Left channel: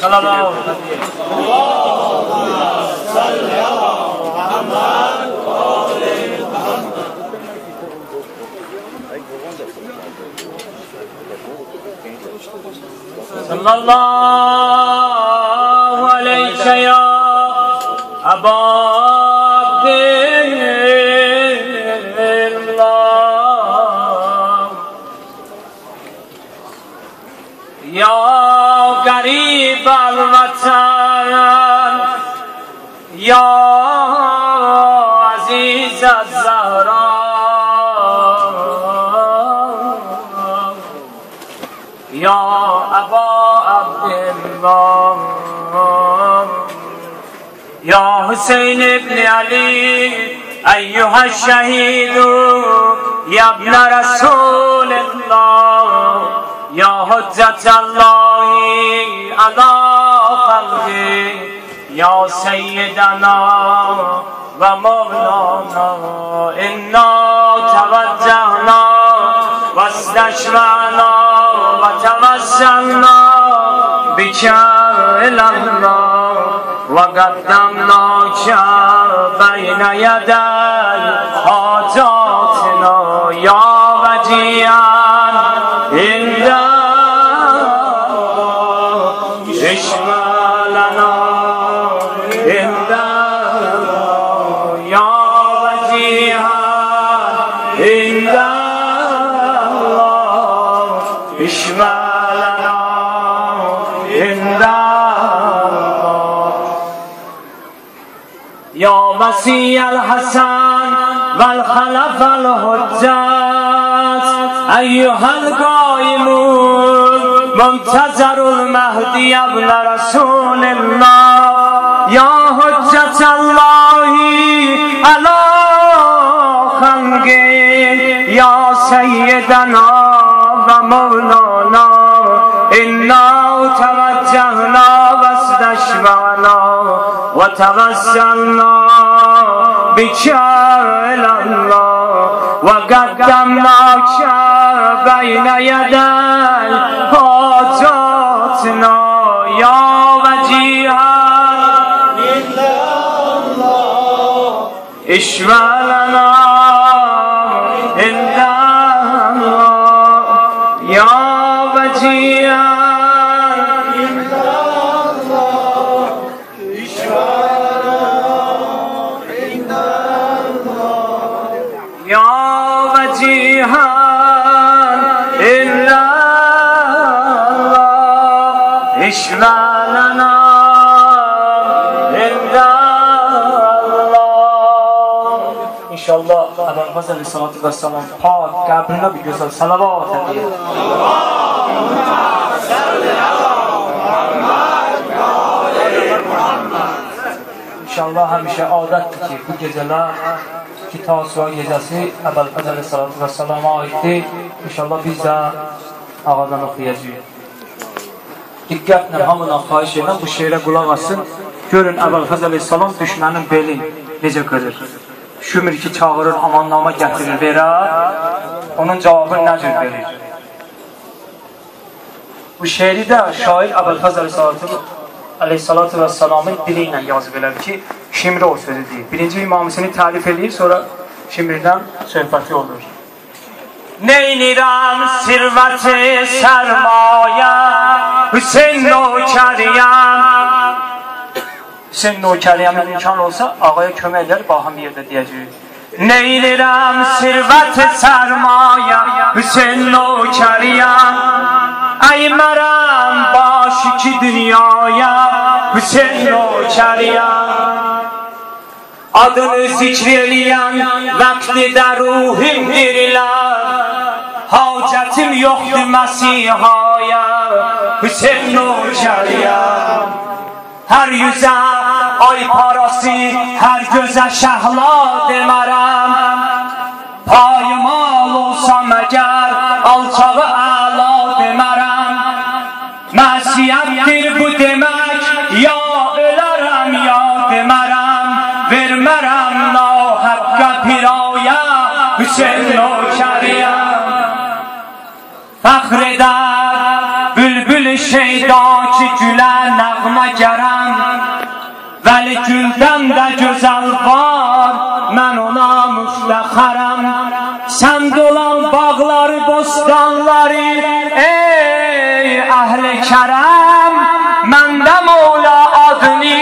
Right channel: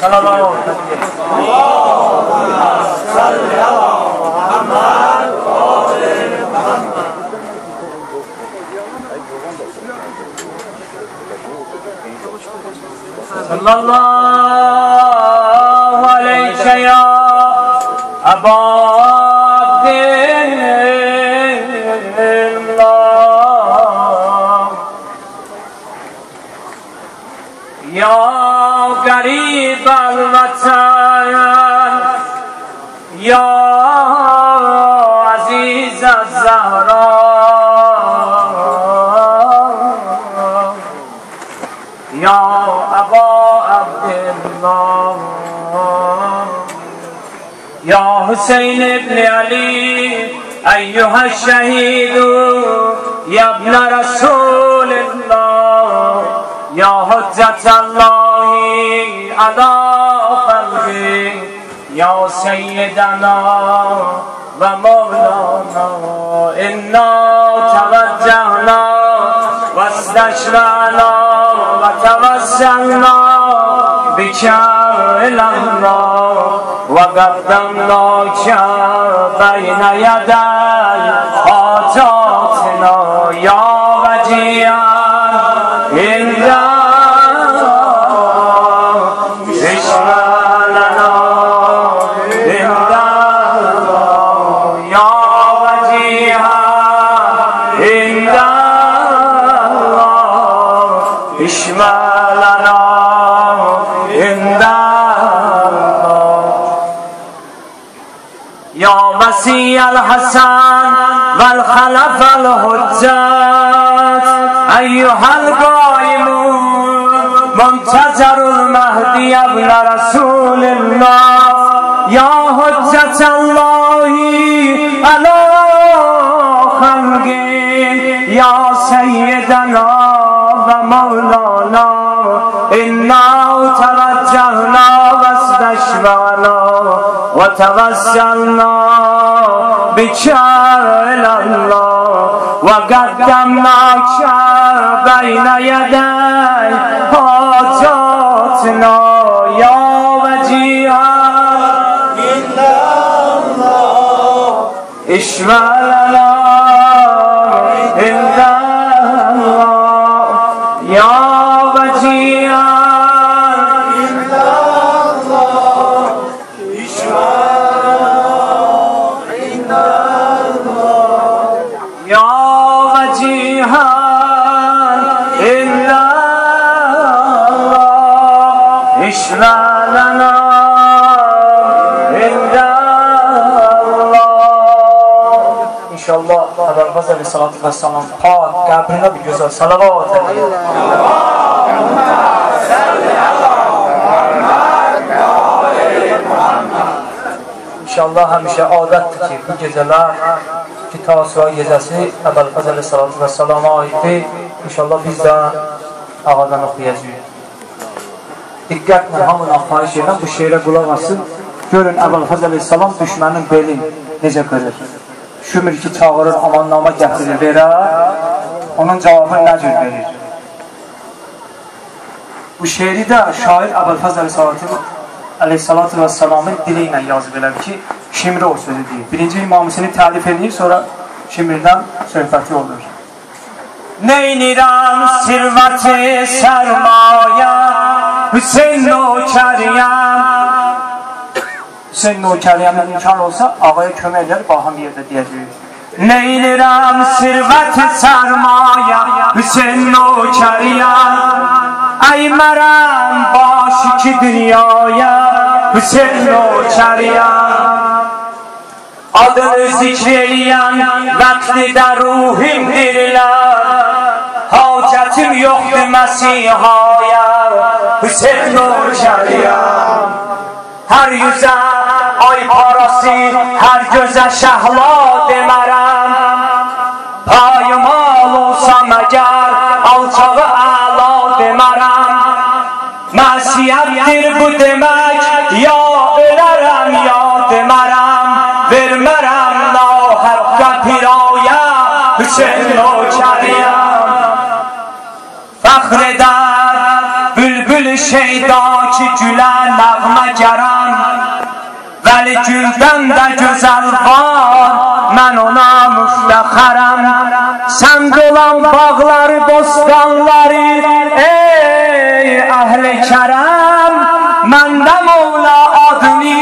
صلوات صلى الله عليك يا أبا عبد الله يا قريب الوطن يا عزيز الزهراء يا أبا عبد الله يا حسين بن علي أيها الشهيد يا ابن رسول الله يا حجة الله على خلقه يا سيدنا ومولانا إنا توجهنا واستشفعنا وتوسلنا بك إلى الله وقدمناك بين يدي حاجاتنا يا وجيها عند اشفع لنا عند يا وجيها عند اشفع لنا عند يا وسيع الحسن والخلف الحجات أيها القائمون منتظر المهدي ابن رسول الله يا حجة الله على خلقه يا سيدنا ومولانا إنا توجهنا واستشفعنا وتوسلنا بك إلى الله وقدمناك بين يدي حاجاتنا يا وجيها عند الله اشفع لنا عند الله يا وجيها عند الله اشفع لنا عند الله يا وجيها عند الله اشفع لنا عند الله İnşallah Efendimiz Aleyhisselatü Vesselam Pak kabrine bir güzel salavat edin. İnşallah həmişə adətdir ki, bu gecələr ki, Tasua gecəsi Efendimiz Aleyhisselatü Vesselam'a aiddir. İnşallah biz də ağadan oxuyacağıq. Diqqətlə hamına xahiş edən bu şeirə qulaq asın. Görün Əbülfəz Aleyhisselam düşmənin belin necə qırır. Şümür ki, çağırır, amannama gətirir, verər. Onun cavabını nə cür verir? Bu şeiri də şair Əbülfəz Aleyhisselatü Vesselam'ın dili ilə yazıb elədir ki, Şimri o sözü deyir. Birinci imamisini təlif edir, sonra Şimrdən söhbəti olur. Neynirəm sirvəti sərmayə Hüseyin Nökəriyəm Hüseyin Nökəriyəmin imkan olsa ağaya kömək edər, baham yerdə deyəcəyik. Neynirəm sirvəti sərmayə Hüseyin Nökəriyəm Əymərəm baş iki dünyaya Hüseyin Nökəriyəm Adını zikreləyən vəqtidə ruhim dirilər Hacətim yoxdur Məsihaya Hüseyin Nökəriyəm Hər yüzə ay parası, hər gözə şəhla demərəm Payıma olsa məgər alçağı əla demərəm Məsiyətdir bu demək, ya ölərəm ya demərəm Vermərəm nahəqqə pirayə Hüseyin Nökəriyəm Fəxr edər bülbül şeyda ki gülə nəğməgərəm, vəli güldən də gözəl var, mən ona müftəxərəm. Sənd olan bağları, bostanları, ey əhl-i kərəm, məndə Mevla adını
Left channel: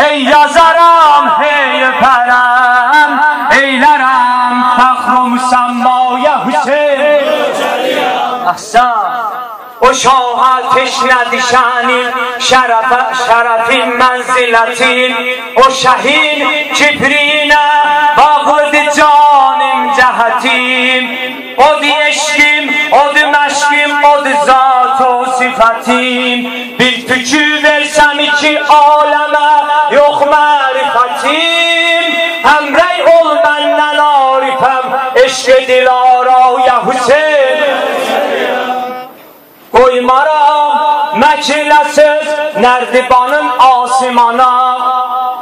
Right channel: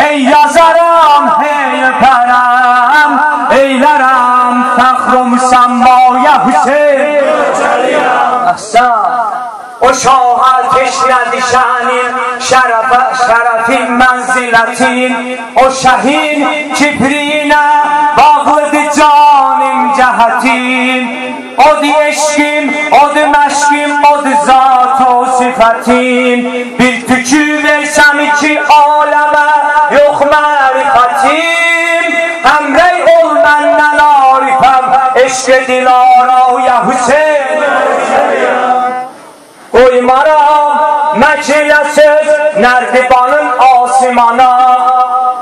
hey yazaram, hey öpərəm, eylərəm fəxr-ı müsəmmaya Hüseyin. Əhsən. O şaha teşrədi şənin, şərəfin mənzilətin, o şəhin kibriyinə bağlıdır canım cəhətim. Odur eşkim, odur məşkim, odur zat o sifətim. Bir tükü versəm iki aləmə, yox mərifətim. Həmrəy ol məndən arifəm, eşq dilaraya Hüseyin. Qoymaram məkilə söz nərdibanın asimana,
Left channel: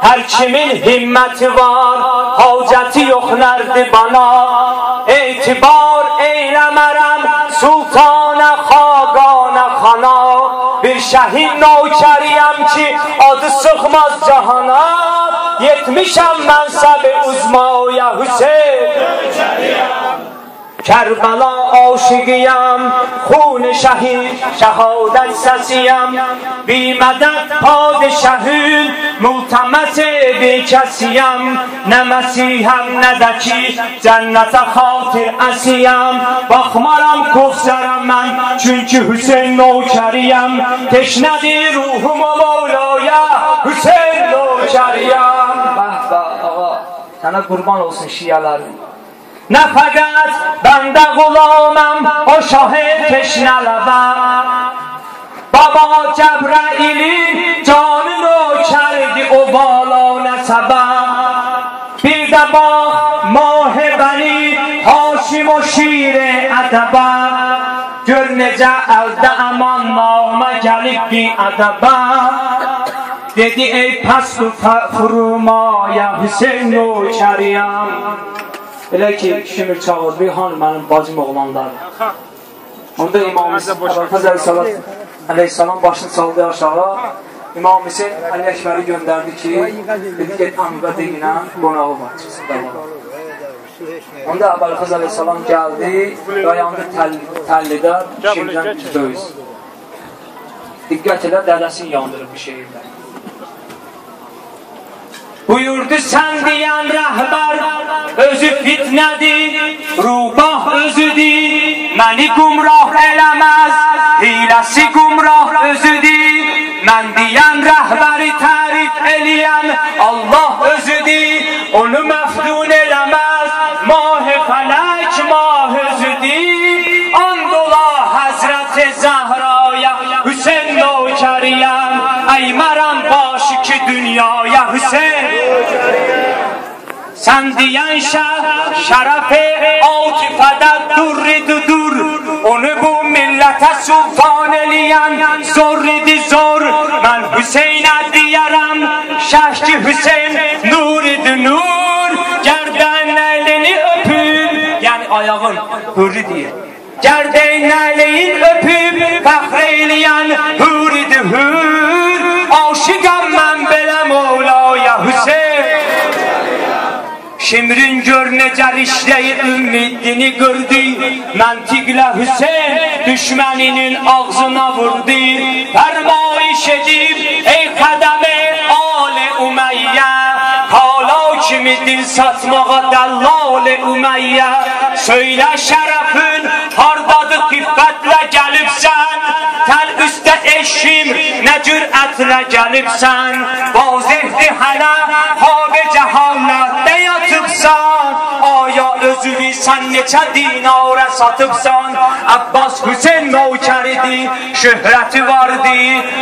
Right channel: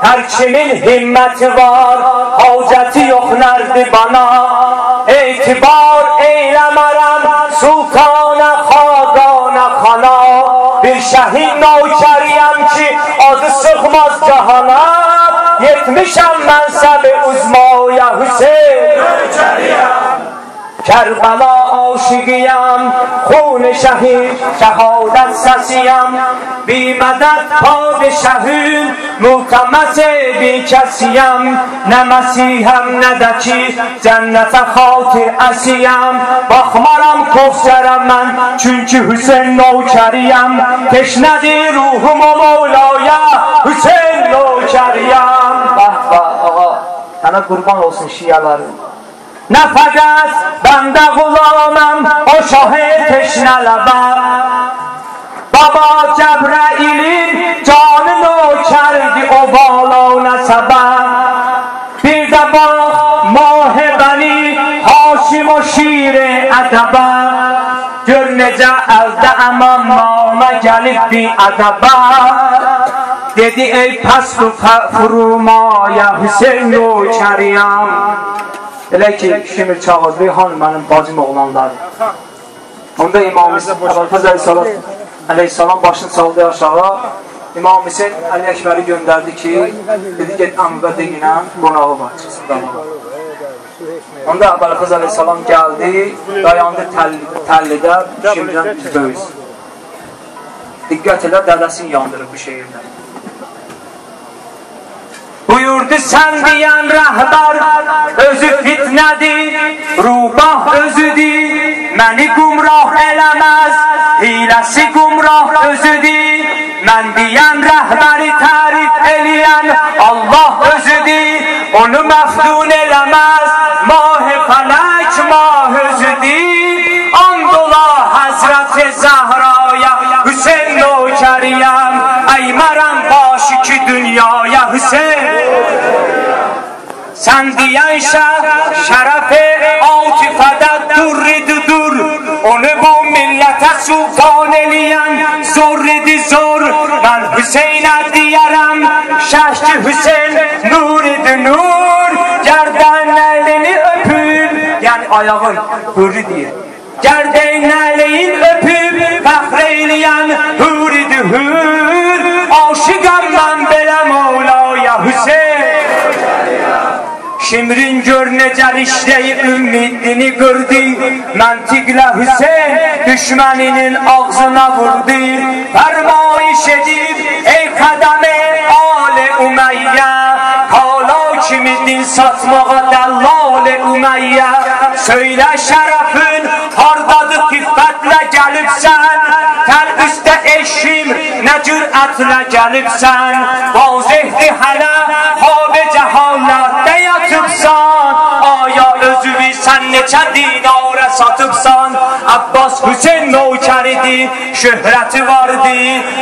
hər kimin himməti var, hacəti yox nərdibana. Etibar eyləmərəm sultana, xaqana, xana, bir şəhid nökəriyəm ki adı sıxmaz cahana. Yetmişəm mənsəbi uzmaya Hüseyin. Kərbəla aşıqıyam, xun-i şəhid, şəhadət səsiyəm. Bimədət padişəhün, multəməs-i bir kəsiyəm. Nə məsihəm, nə də ki cənnətə xatir əsiyəm. Baxmaram Kövsərəm mən, çünki Hüseyin nökəriyəm. Teşnədir ruhum o Mevlaya, Hüseyin nökəriyəm. Bəh bəh ağa, sənə qurban olsun şiyələrim. Nə fəqət bəndə qulaməm o şahı teşnələbə, Baba Cəbrəilin canı nökərdi o bala nəsəbə. Bir də bax Mahibəni Haşim o şir-i ədəbə, gör necə əldə əmam namə gəlib bir ədəbə. Dedi ey pəst-ü furumaya Hüseyin nökəriyəm. Elə ki, Şimir çağırdı, hanı mənim bacım oğlanları. Onda İmam-ı Əbülfəz Əleyhisselam başını saldı aşağı. İmam Hüseyin Əli Əkbəri göndərdi ki, dedi get əmvə deyinə, qonağı var, çıxsın da var. Onda Əbülfəz Əleyhisselam gəldi, dayandı təllidə, Şimirdən böyüz. Diqqət elə, dədəsini yandırıb bu şehirdə. Buyurdu sən deyən rəhbər, özü fitnədir, rubah özüdür, məni qumrah eləməz, hiləsi qumrah özüdür. Mən deyən rəhbəri tərif eləyən Allah özüdür, onu məftun eləməz, mah-ı fələk mah özüdür. And ola Həzrət-i Zəhraya Hüseyin nökəriyəm, əymərəm başı ki dünyaya Hüseyin. Sən deyən şərəf-i atifədə durridudur, onu bu millətə sultan eləyən zorridir zor. Mən Hüseynə deyərəm, şəhki Hüseyin nuridir nur. Gərdən əlini öpüb, yəni ayağın hürri deyir. Gərdən əlini öpüb, fəxr eləyən huridir hür. Aşıqam mən belə Mevlaya Hüseyin. Şimrin gör necə rişləyi ümidini qırdı, məntiqlə Hüseyin düşməninin ağzına vurdu. Fərmayiş edib ey qədəmi Ali Ümeyyə, kala kimi din satmağa dəllal-i Ümeyyə. Söylə şərəfin hardadır xiffətlə gəlibsən, təl üstə eşim nə cürətlə gəlibsən. Vazihdir hələ xab-ı cəhalətdə yatıbsan, aya özüvi sən neçə dinara satıbsan. Abbas Hüseyin nökəridir, şöhrəti vardı,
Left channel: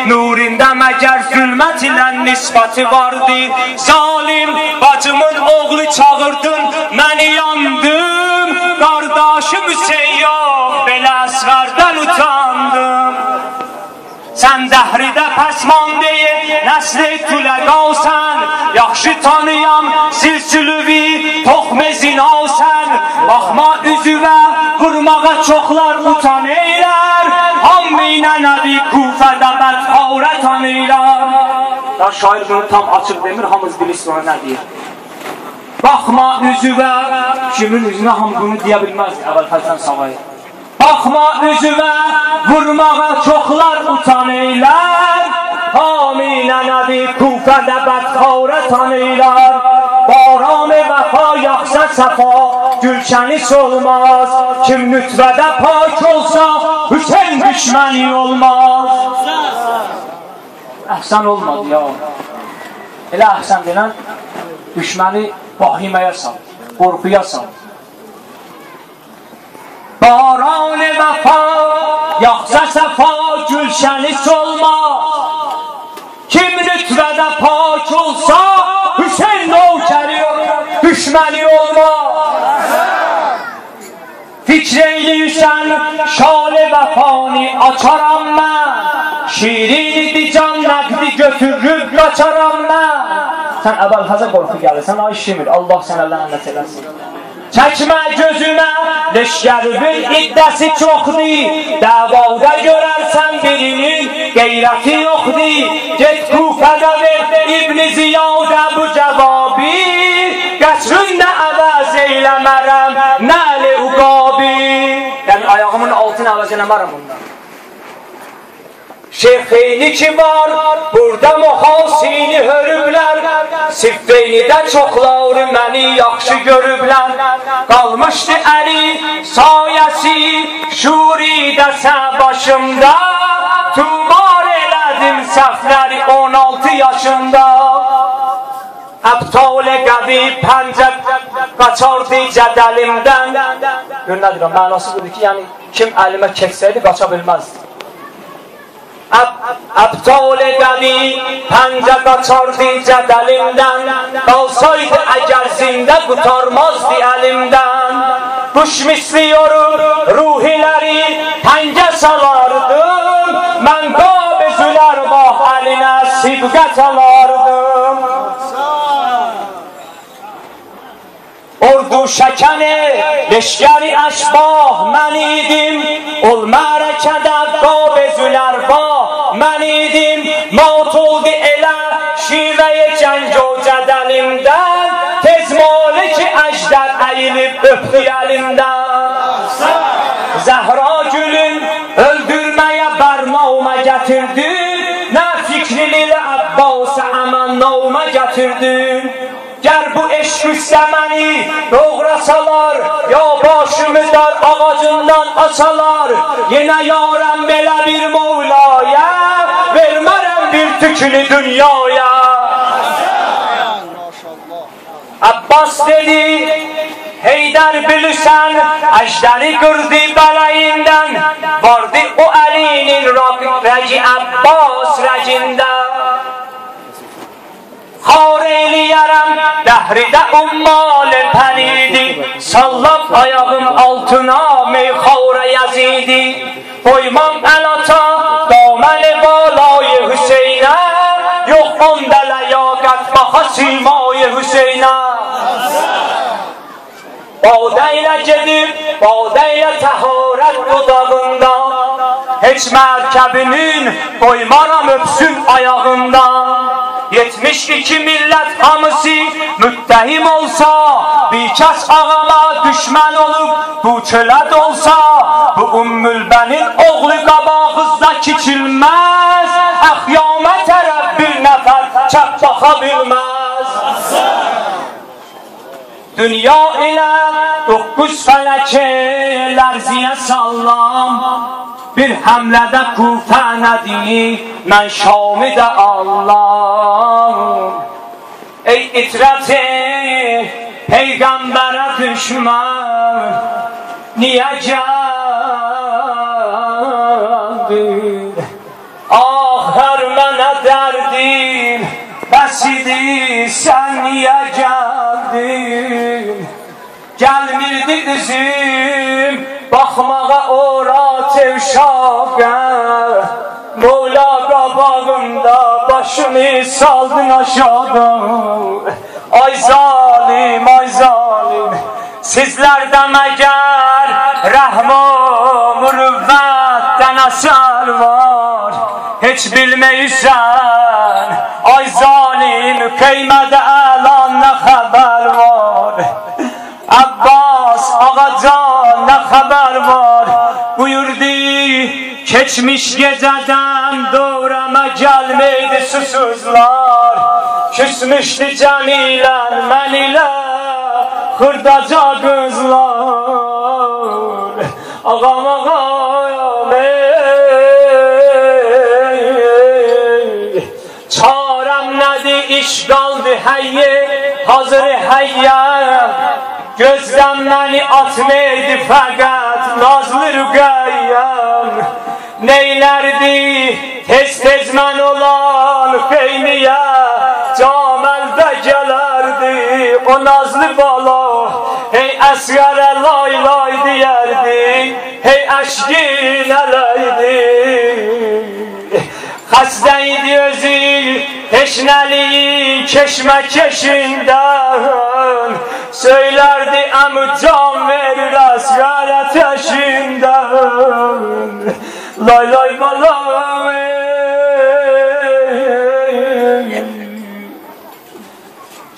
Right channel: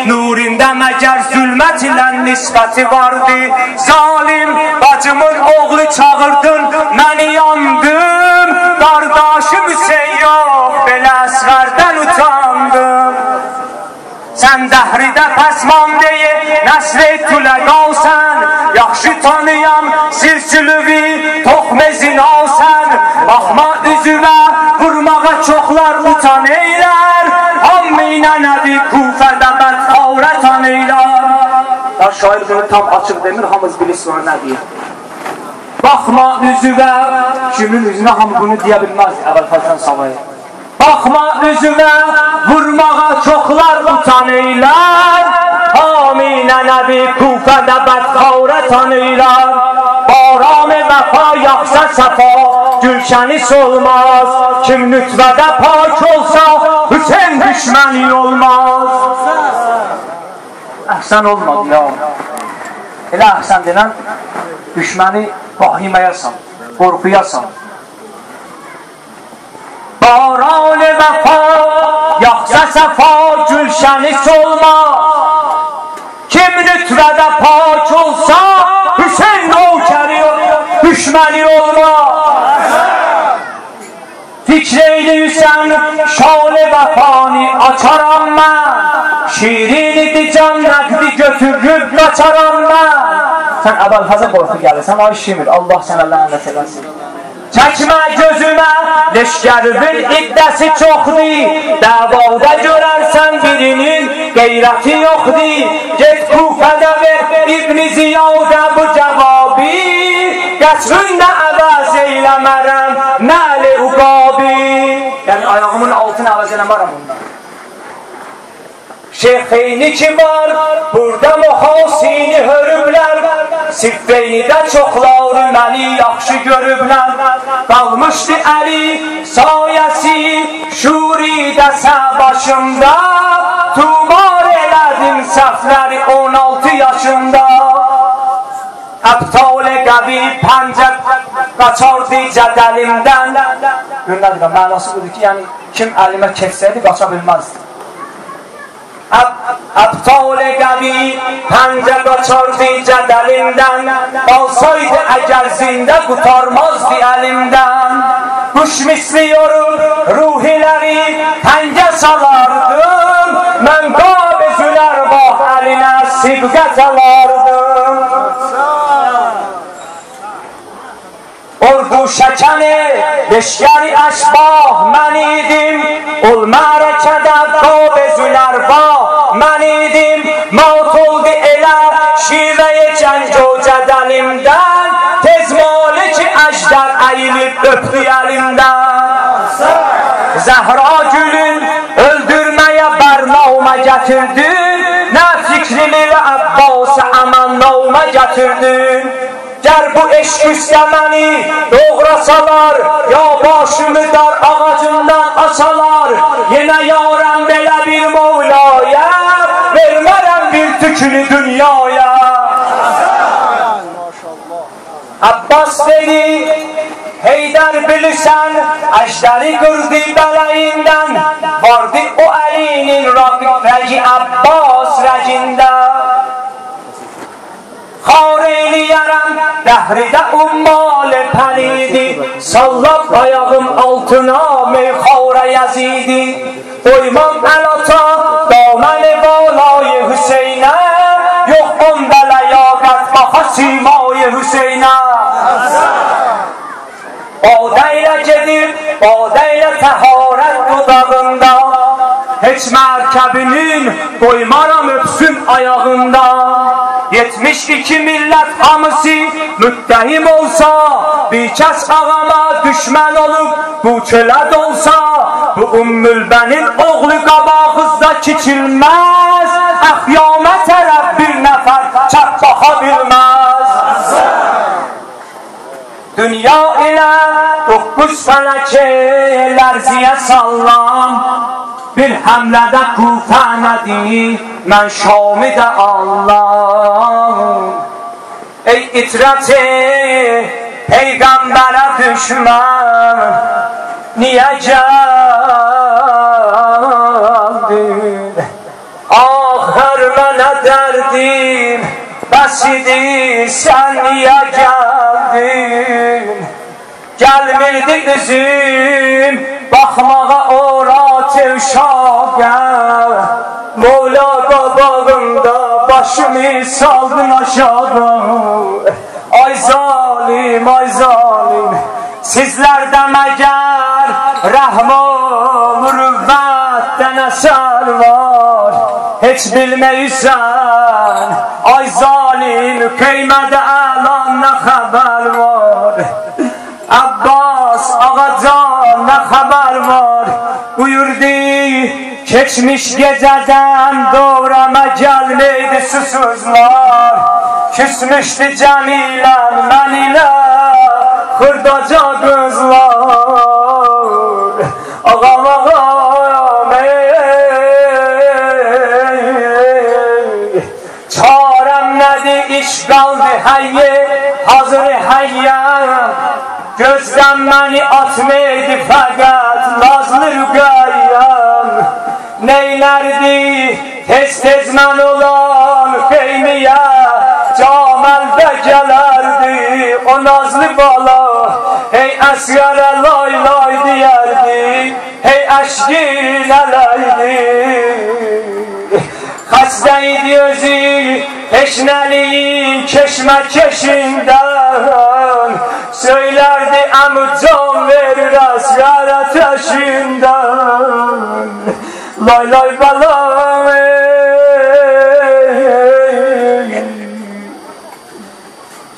nurində məgər zülmət ilə nisbəti vardı. Zalim bacımın oğlu çağırdın, məni yandım, qardaşım Hüseyin yox, belə əsğərdən utandım. Sən dəhridə pəsman deyil, nəsli tüləqalsən, yaxşı tanıyam silsilüvi toxme zinalsən. Baxma üzümə, vurmağa çoxlar utan eylər, hamminə nəbi Kufədə bədxarət tanıylar. Ya şair bunu tam açıq demir, hamız bilir sonra nə deyir. Baxma üzümə, kimin üzünə hamı bunu deyə bilməz, Əbülfəzdən savayı. Baxma üzümə, vurmağa çoxlar utanırlar. Haminə nəbi Kufədə bədxarə tanıylar. Baram-ı vəfa yaxsa səfa, gülşəni solmaz. Kim nütvədə pak olsa, Hüseyin düşməni olmaz. Əhsən olmadı ya. Elə əhsən denən, düşməni vahiməyə sal, qorxuya sal. Baran-ı vəfa, yaxsa səfa, gülşəni solmaz. Kim nütvədə pak olsa, Hüseyin nökəri düşməni olmaz. Fikr eyləyirsən, şal-ı vəfani açaram mən. Şirinidir can nəqdi götürüb qaçaram mən. Sən Əbülfəzə qorxu gəlirsən, ay Şimir, Allah sənə lənət eləsin. Çəkmə gözümə, leşgəribin iddəsi çoxdur. Dəvada görərsən birinin qeyrəti yoxdur. Get Kufədə ver İbn-i Ziyadə bu cavabı. Qəsründə əvəz eyləmərəm, nəli uqabi. Yəni ayağımın altını əvəz eləmərəm bundan. Şeyxeyni ki var, burada mühasini hörüblər. Siffeynidə çoxları məni yaxşı görüblər. Qalmışdı əli sayəsi, şuridə sən başımda. Tubar elədim səhvləri 16 yaşında. Əbtal-ı qəvi pəncət qaçardı cədəlimdən. Görünədir, mənası budur ki, yəni kim əlimə keçsəydi qaça bilməzdi. Əbtal-ı qəvi pəncə qaçardı cədəlimdən. Qalsaydı əgər zində qutarmazdı əlimdən. Quş misli yorub ruhiləri təngə salardım. Mən qabezülər bax əlinə sibqət alardım. Ordu şəkəni, leşgəri əşbah mən idim. Ol mərəkədə qabezülər bax mən idim. Maut oldu elə şivəyə cəng o cədəlimdən. Tez maliki əjdər əyilib öpdü əlimdən. Zəhra gülün öldürməyə bərnamə gətirdin. Nə fikrili Əbbas-ı əmənnamə gətirdin. Gər bu eşq üstəməni doğrasalar, ya başımı dar ağacından asalar. Yenə yarəm belə bir Mevlaya, vermərəm bir tüklü dünyaya. Abbas dedi, Heydər bilirsən, əjdəri qırdı bələyindən. Vardı o əlinin rəci Abbas rəcindən. Xar eləyərəm, dəhridə ummal pənidi. Sallab ayağım altına meyxara yazidi. Qoymam əlata, daməni balay Hüseynə. Yox onda ləyaqət baxa simay Hüseynə. Badə ilə gedib, badə ilə təharət dudağında. Heç mərkəbinin qoymaram öpsün ayağında. 72 millət hamısı müttəhim olsa, bir kəs ağama düşmən olub bu köləd olsa, bu Ümmülbənin oğlu qabağızda kiçilməz. Əxyamə tərəf bir nəfər çəp baxa bilməz. Dünya ilə 9 fələkə lərziyə sallam. Bir həmlədə Kufə nədir, mən Şamı da Allah. Ey itrəti, Peyğəmbərə düşmən, niyə gəldin? Axır mənə dərdim, bəs idi, sən niyə gəldin? Gəlmirdi üzüm, baxmağa ora tevşaqa. Mola qabağımda başımı saldın aşağıda. Ay zalim, ay zalim, sizlərdə məgər rəhm-o mürüvvətdən əsər var. heç bilməyirsən. Ay zalim, qeymət əlan nə xəbər var? Abbas ağacan nə xəbər var? Buyurdu, keçmiş gecədən doğrama gəlməydi susuzlar. Küsmüşdü Cəmilən mən ilə xırdaca qızlar. Ağam ağam çarəm nədir, iş qaldı həyyə, hazır həyyə. Gözdən məni atmaydı fəqət nazlı rüqəyyəm. Neylərdi tez-tez mən olan xeyniyə, caməndə gələrdi o nazlı bala. Hey əsgərə lay lay deyərdi, hey əşkin ələydi. Xəstə idi özü teşnəliyi keşmə-keşindən. Söylərdi əmü can verir əsgər ateşindən. Lay lay balam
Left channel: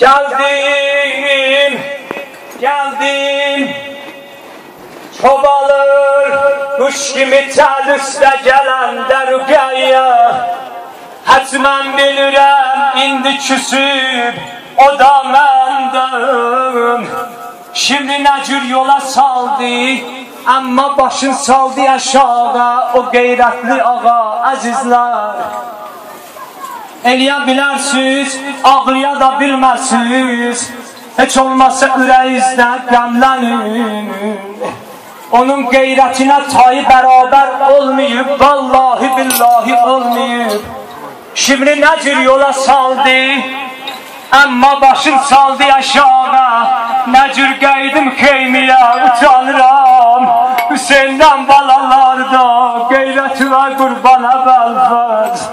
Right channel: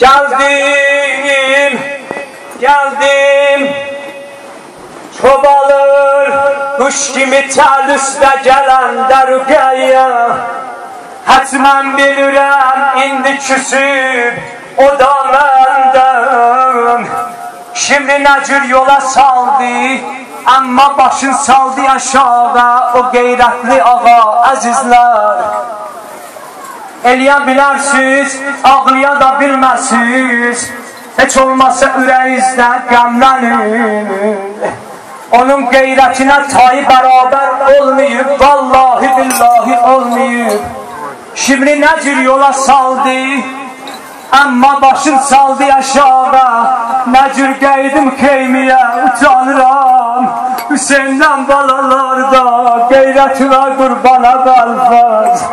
Gəldim, gəldim, çobalır kuş kimi tel üstə gələndə rüqəyyə. Hətmən bilirəm indi küsüb o da məndən. Şimdi nə cür yola saldı, amma başın saldı aşağı o qeyrətli ağa əzizlər. Eləyə bilərsiniz, ağlaya da bilmərsiniz, heç olmazsa ürəyinizdə qəmlənin. Onun qeyrətinə tayı bərabər olmayıb, vallahi billahi olmayıb. Şimdi nə cür yola saldı, amma başın saldı aşağı. Nə cür qaydım xeymiyə utanıram, Hüseyndən balalarda qeyrətinə qurbana bəlfəz.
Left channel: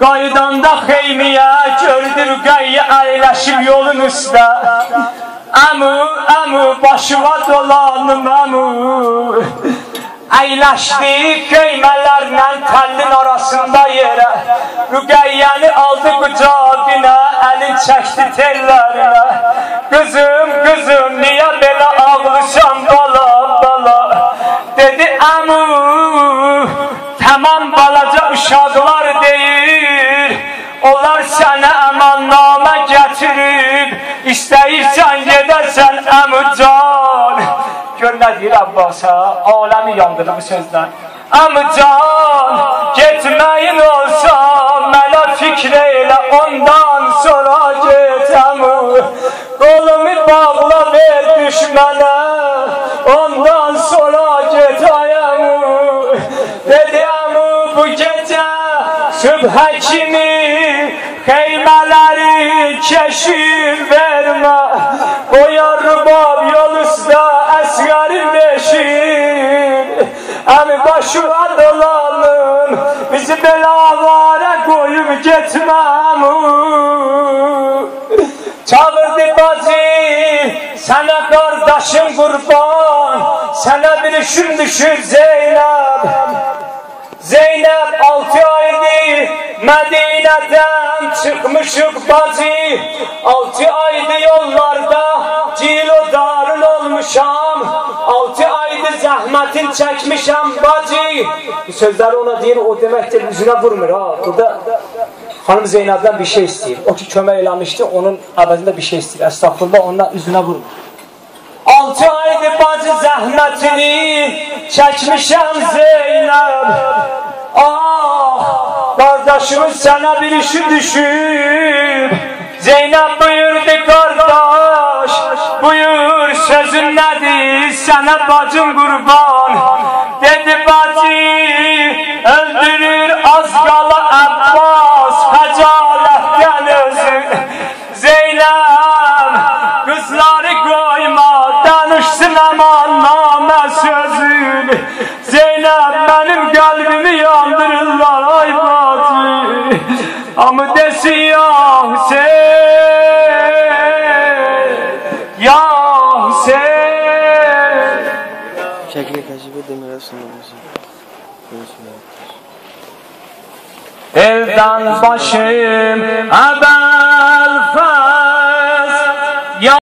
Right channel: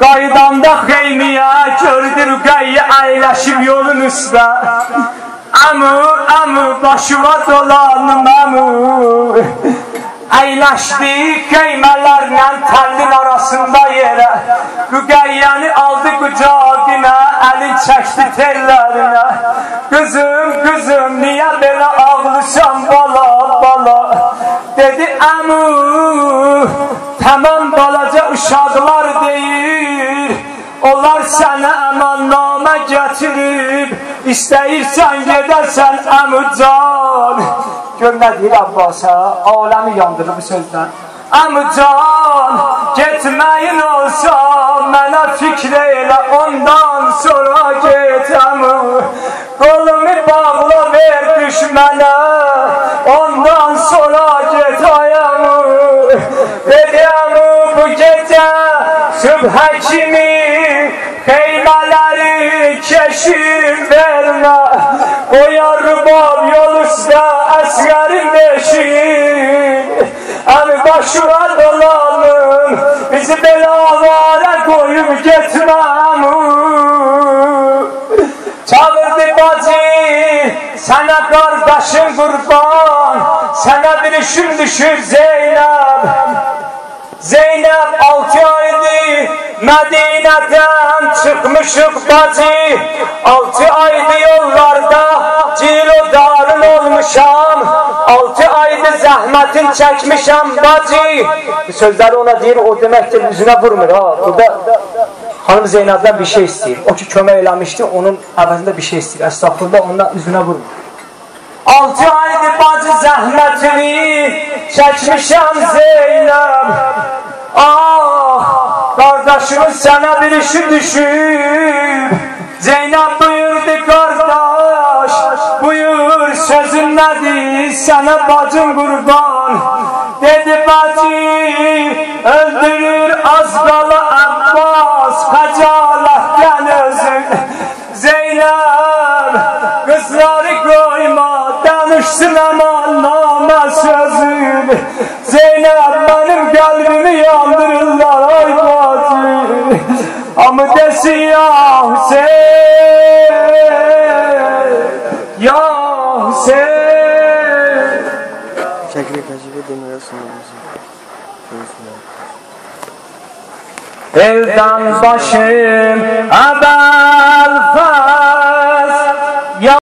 Qaydanda xeymiyə gördü rüqəyyə əyləşib yolun üstə. Əmü, əmü, başıma dolanım əmü. Əyləşdi xeymələrlə təllin arasında yerə. Rüqəyyəni aldı qucağına, əlin çəkdi tellərinə. Qızım, qızım, niyə belə ağlısan bala, bala? Dedi əmü, tamam balaca uşaqlar deyir, onlar sənə əmannamə gətirib, istəyirsən gedərsən əmücan. Gör nə deyir Abbasa, aləmi yandırır bu sözdən. Əmücan, getməyin olsa, mənə fikr elə, ondan sonra get əmü. Qolumu bağla ver düşmənə, ondan sonra get ayəmü. Dedi əmü bu gecə sübhə kimi xeymələri keşif vermə. Qoyar rübab yol üstə əsgərin beşin. Əmi başıma dolanım, bizi belə avara qoyub getmə əmü. Çağırdı bacı, sənə qardaşın qurban, sənə bir işin düşür Zeynəb. Zeynəb 6 aydır Mədinədən çıxmışıq bacı. 6 aydır yollarda cilodarın olmuşam. 6 aydır zəhmətin çəkmişəm bacı. Bu sözləri ona deyir, o deməkdir üzünə vurmur ha. Burada hanım Zeynəbdən bir şey istəyir. O ki kömək eləmişdi, onun əvəzində bir şey istəyir. Əstağfurullah, ondan üzünə vurmur. 6 aydır bacı zəhmətini çəkmişəm Zeynəb. Ah, qardaşımız sənə bir işi düşür. Zeynəb buyurdu qardaş, buyur sözün nədir, sənə bacın qurban. Dedi bacı, öldürür az qala Abbas, xəcalətdən özün. Zeynəb, qızları qoyma, danışsın aman namə sözün. Zeynəb, mənim qəlbimi yandırırlar ay bacı. Amma desin ya Hüseyin, ya Hüseyin. Şəkli kəşif edəməyə sunulmuşsun. elden başım